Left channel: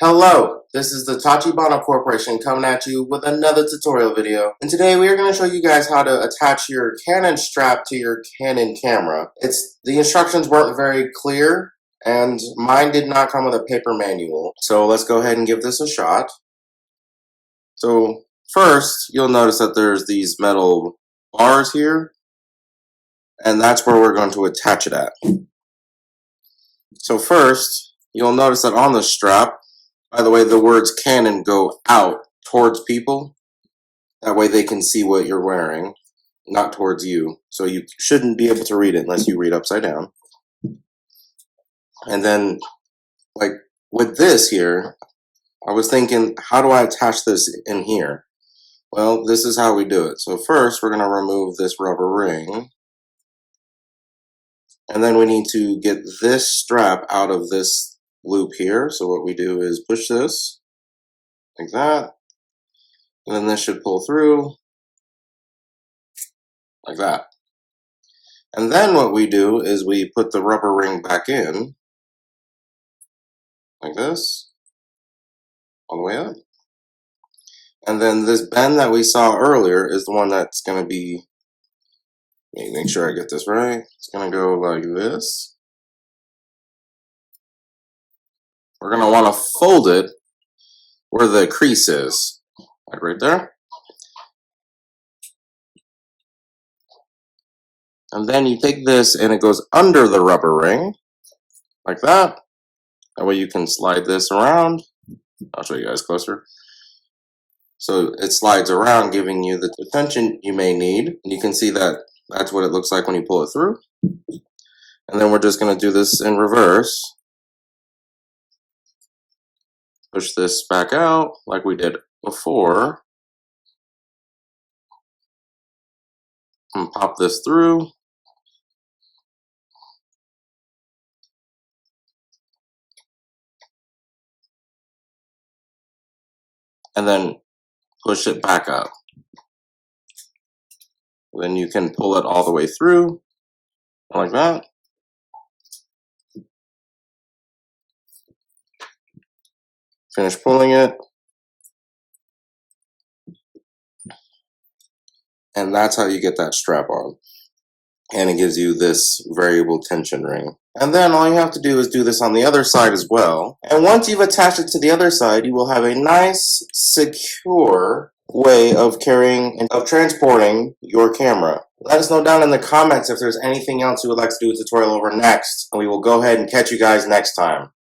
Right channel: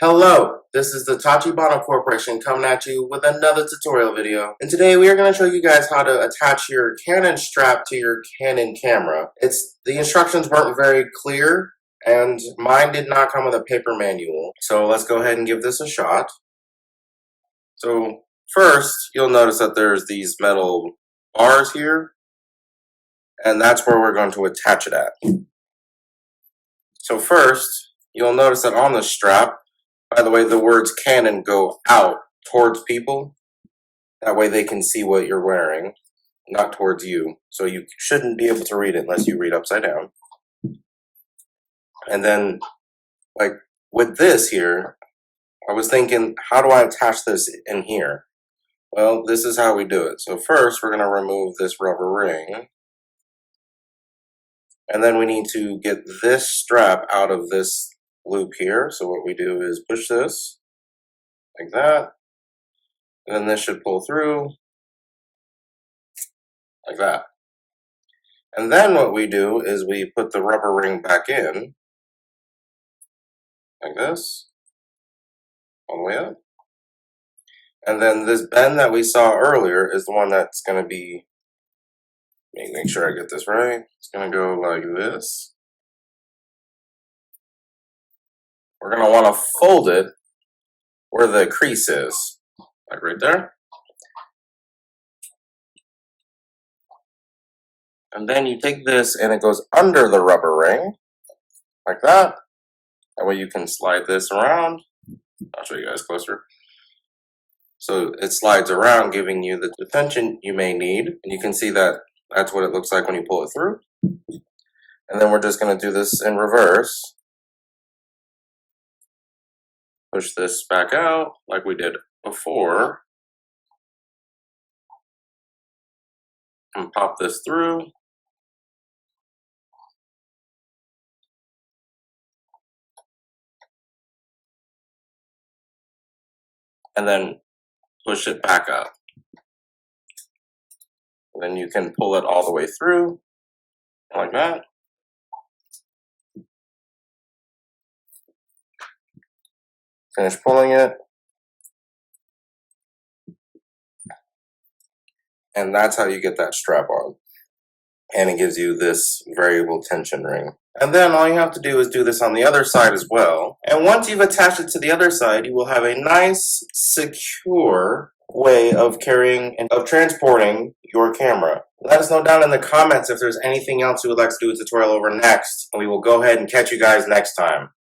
Hello, this is the Tachibana Corporation coming at you with another tutorial video. And today we are going to show you guys how to attach your Canon strap to your Canon camera. The instructions weren't very clear and mine did not come with a paper manual. So let's go ahead and give this a shot. So first, you'll notice that there's these metal bars here, and that's where we're going to attach it at. So first, you'll notice that on the strap, by the way, the words Canon go out towards people. That way they can see what you're wearing, not towards you. So you shouldn't be able to read it unless you read upside down. And then, like with this here, I was thinking, how do I attach this in here? Well, this is how we do it. So first, we're going to remove this rubber ring. And then we need to get this strap out of this loop here. So what we do is push this like that, and then this should pull through like that. And then what we do is we put the rubber ring back in like this, all the way up. And then this bend that we saw earlier is the one that's going to be, make sure I get this right, it's going to go like this. We're going to want to fold it where the crease is, like right there. And then you take this and it goes under the rubber ring, like that. That way you can slide this around. I'll show you guys closer. So it slides around, giving you the tension you may need. And you can see that that's what it looks like when you pull it through. And then we're just going to do this in reverse. Push this back out like we did before. And pop this through. And then push it back up. Then you can pull it all the way through, like that. Finish pulling it. And that's how you get that strap on. And it gives you this variable tension ring. And then all you have to do is do this on the other side as well. And once you've attached it to the other side, you will have a nice, secure way of carrying and of transporting your camera. Let us know down in the comments if there's anything else you would like to do a tutorial over next, and we will go ahead and catch you guys next time.